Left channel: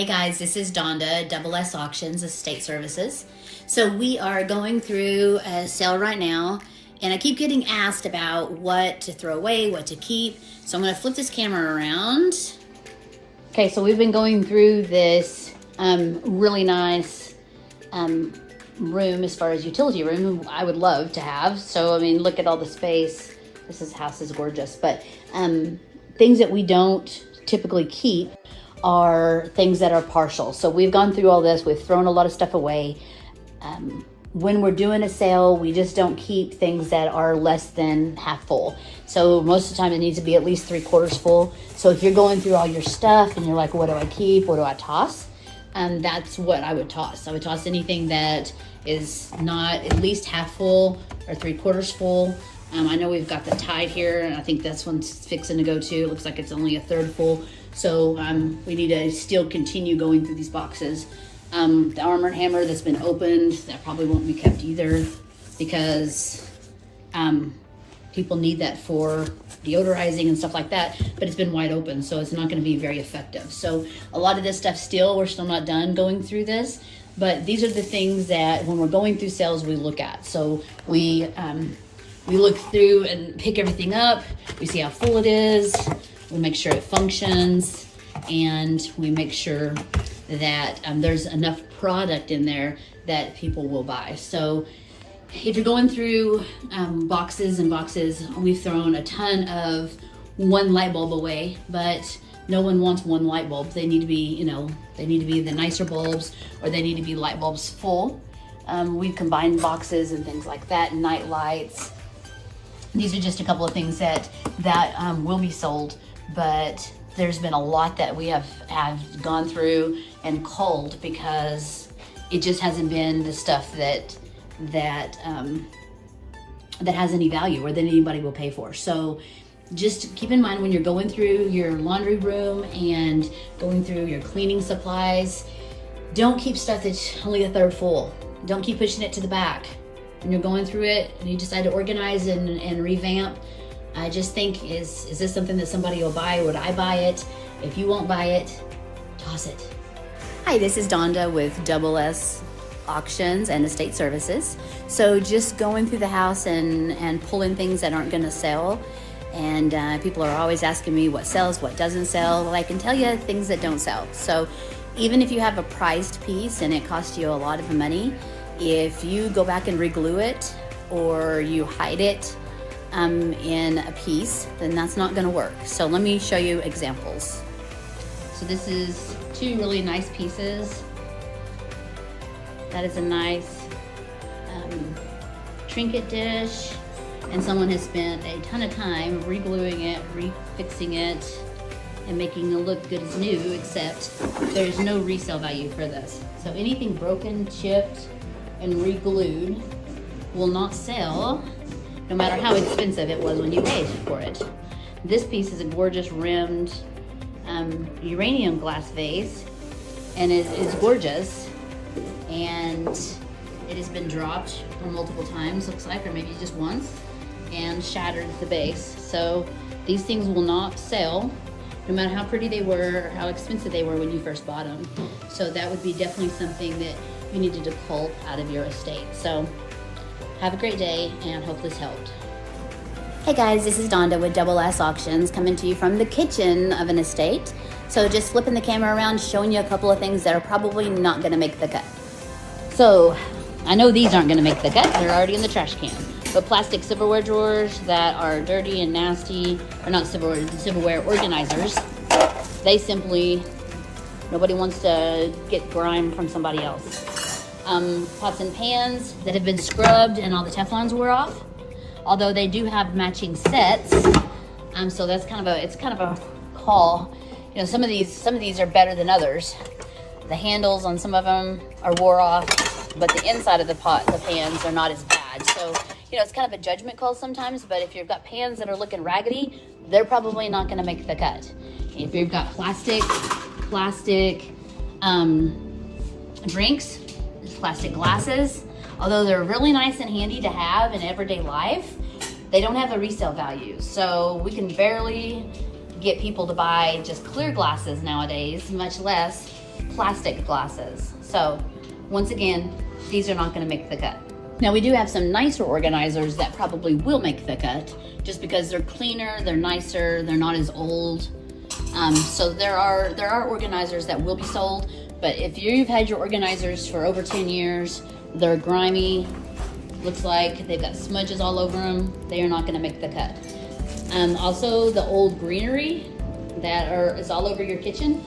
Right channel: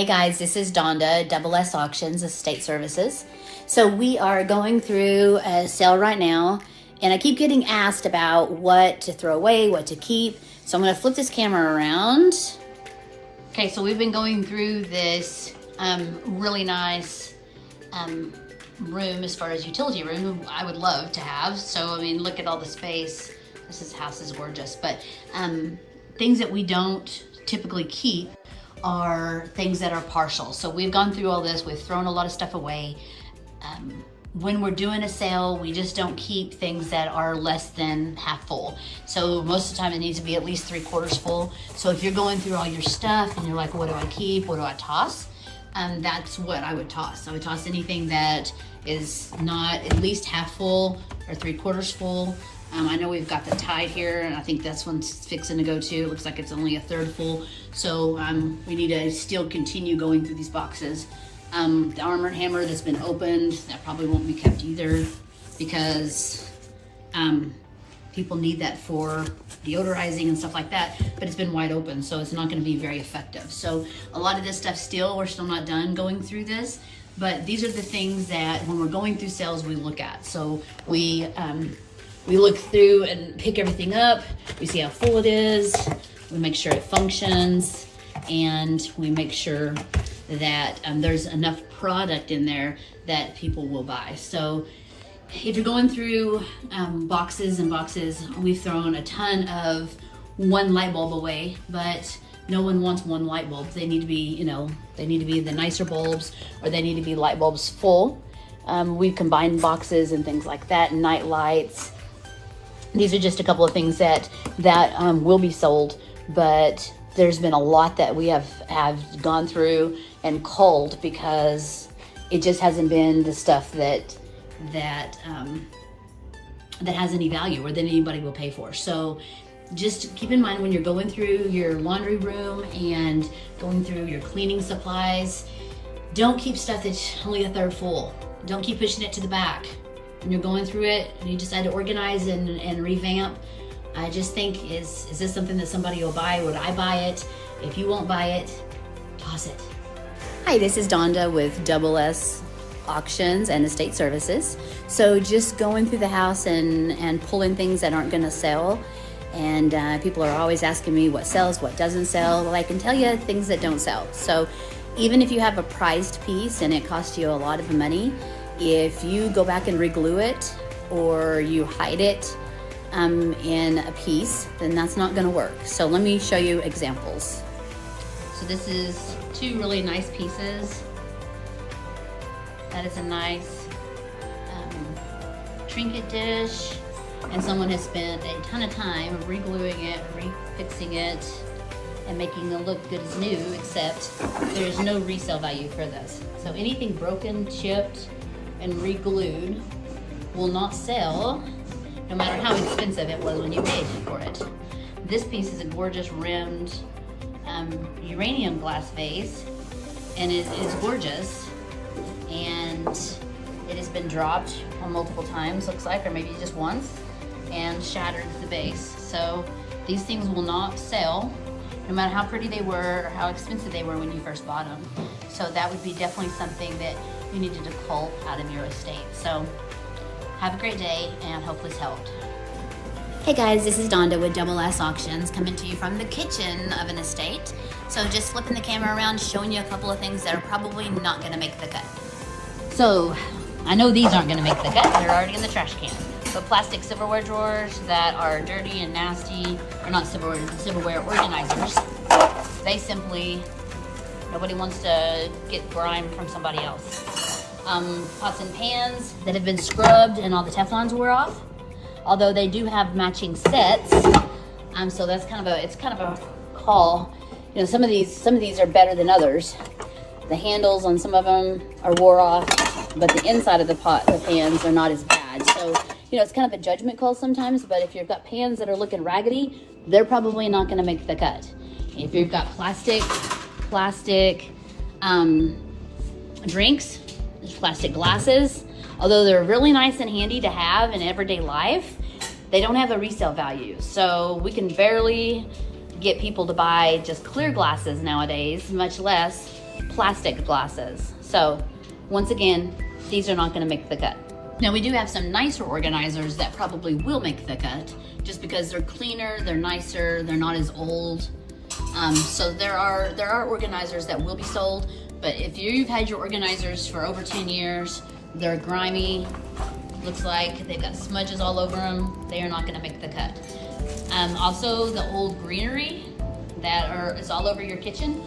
Hi guys, this is Donda, Double S Auctions, Estate Services. So we are going through a sale right now, and I keep getting asked about what to throw away, what to keep. So I'm gonna flip this camera around. Okay, so we've been going through this really nice room as far as utility room I would love to have. So, I mean, look at all the space. This house is gorgeous, but things that we don't typically keep are things that are partial. So we've gone through all this, we've thrown a lot of stuff away. When we're doing a sale, we just don't keep things that are less than half full. So most of the time it needs to be at least 3/4 full. So if you're going through all your stuff and you're like, what do I keep, what do I toss? That's what I would toss. I would toss anything that is not at least half full or 3/4 full. I know we've got the Tide here, and I think this one's fixing to go too. It looks like it's only a third full. So we need to still continue going through these boxes. The Arm & Hammer that's been opened, that probably won't be kept either, because people need that for deodorizing and stuff like that, but it's been wide open, so it's not gonna be very effective. So a lot of this stuff we're still not done going through this, but these are the things that when we're going through sales, we look at. So we look through and pick everything up, we see how full it is, we make sure it functions, and we make sure that there's enough product in there that people will buy. So if you're going through boxes and boxes, we've thrown a ton of one light bulb away, but no one wants one light bulb. They need to be, they need to be the nicer bulbs, or they need to be light bulbs full. We've combined boxes and things like that, night lights. These are just a couple of things that will be sold, but there's been a lot that we have gone through and culled because it just hasn't been the stuff that has any value or that anybody will pay for. So just keep in mind when you're going through your laundry room and going through your cleaning supplies, don't keep stuff that's only a third full. Don't keep pushing it to the back. When you're going through it and you decide to organize and revamp, I just think, is this something that somebody will buy? Would I buy it? If you won't buy it, toss it. Hi, this is Donda with Double S Auctions and Estate Services. So just going through the house and pulling things that aren't gonna sell. And people are always asking me what sells, what doesn't sell. Well, I can tell you things that don't sell. So even if you have a prized piece and it costs you a lot of money, if you go back and re-glue it or you hide it in a piece, then that's not gonna work. So let me show you examples. So this is two really nice pieces. That is a nice trinket dish, and someone has spent a ton of time re-gluing it, refixing it, and making it look good as new, except there's no resale value for this. So anything broken, chipped, and re-glued will not sell, no matter how expensive it was when you paid for it. This piece is a gorgeous rimmed uranium glass vase, and it is gorgeous, and it has been dropped multiple times, looks like, or maybe just once, and shattered the base. So these things will not sell, no matter how pretty they were or how expensive they were when you first bought them. So that would be definitely something that you needed to cull out of your estate. So have a great day, and hope this helped. Hey guys, this is Donda with Double S Auctions, coming to you from the kitchen of an estate. So just flipping the camera around, showing you a couple of things that are probably not gonna make the cut. So I know these aren't gonna make the cut, they're already in the trash can. But plastic silverware drawers that are dirty and nasty, or not silverware, silverware organizers, they simply, nobody wants to get grime from somebody else. Pots and pans that have been scrubbed and all the Teflons wore off, although they do have matching sets. So that's kind of a call. Some of these are better than others. The handles on some of them are wore off, but the inside of the pot and the pans are not as bad. So it's kind of a judgment call sometimes, but if you've got pans that are looking raggedy, they're probably not gonna make the cut. If you've got plastic drinks, plastic glasses, although they're really nice and handy to have in everyday life, they don't have a resale value. So we can barely get people to buy just clear glasses nowadays, much less plastic glasses. So once again, these are not going to make the cut. Now we do have some nicer organizers that probably will make the cut just because they're cleaner, they're nicer, they're not as old. So there are organizers that will be sold, but if you've had your organizers for over 10 years, they're grimy, looks like they've got smudges all over them, they are not going to make the cut. Also the old greenery it's all over your kitchen.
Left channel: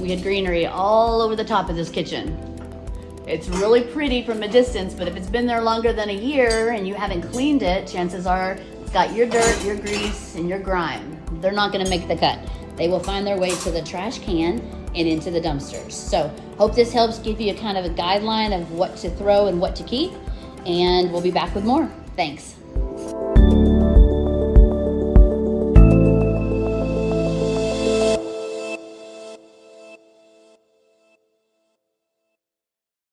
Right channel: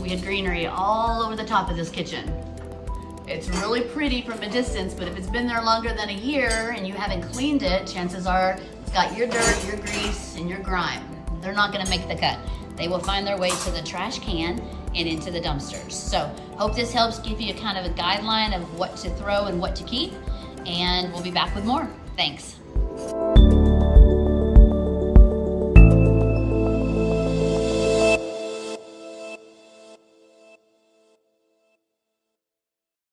We had greenery all over the top of this kitchen. It's really pretty from a distance, but if it's been there longer than a year and you haven't cleaned it, chances are it's got your dirt, your grease, and your grime. They're not going to make the cut. They will find their way to the trash can and into the dumpsters. So hope this helps give you a kind of a guideline of what to throw and what to keep, and we'll be back with more. Thanks.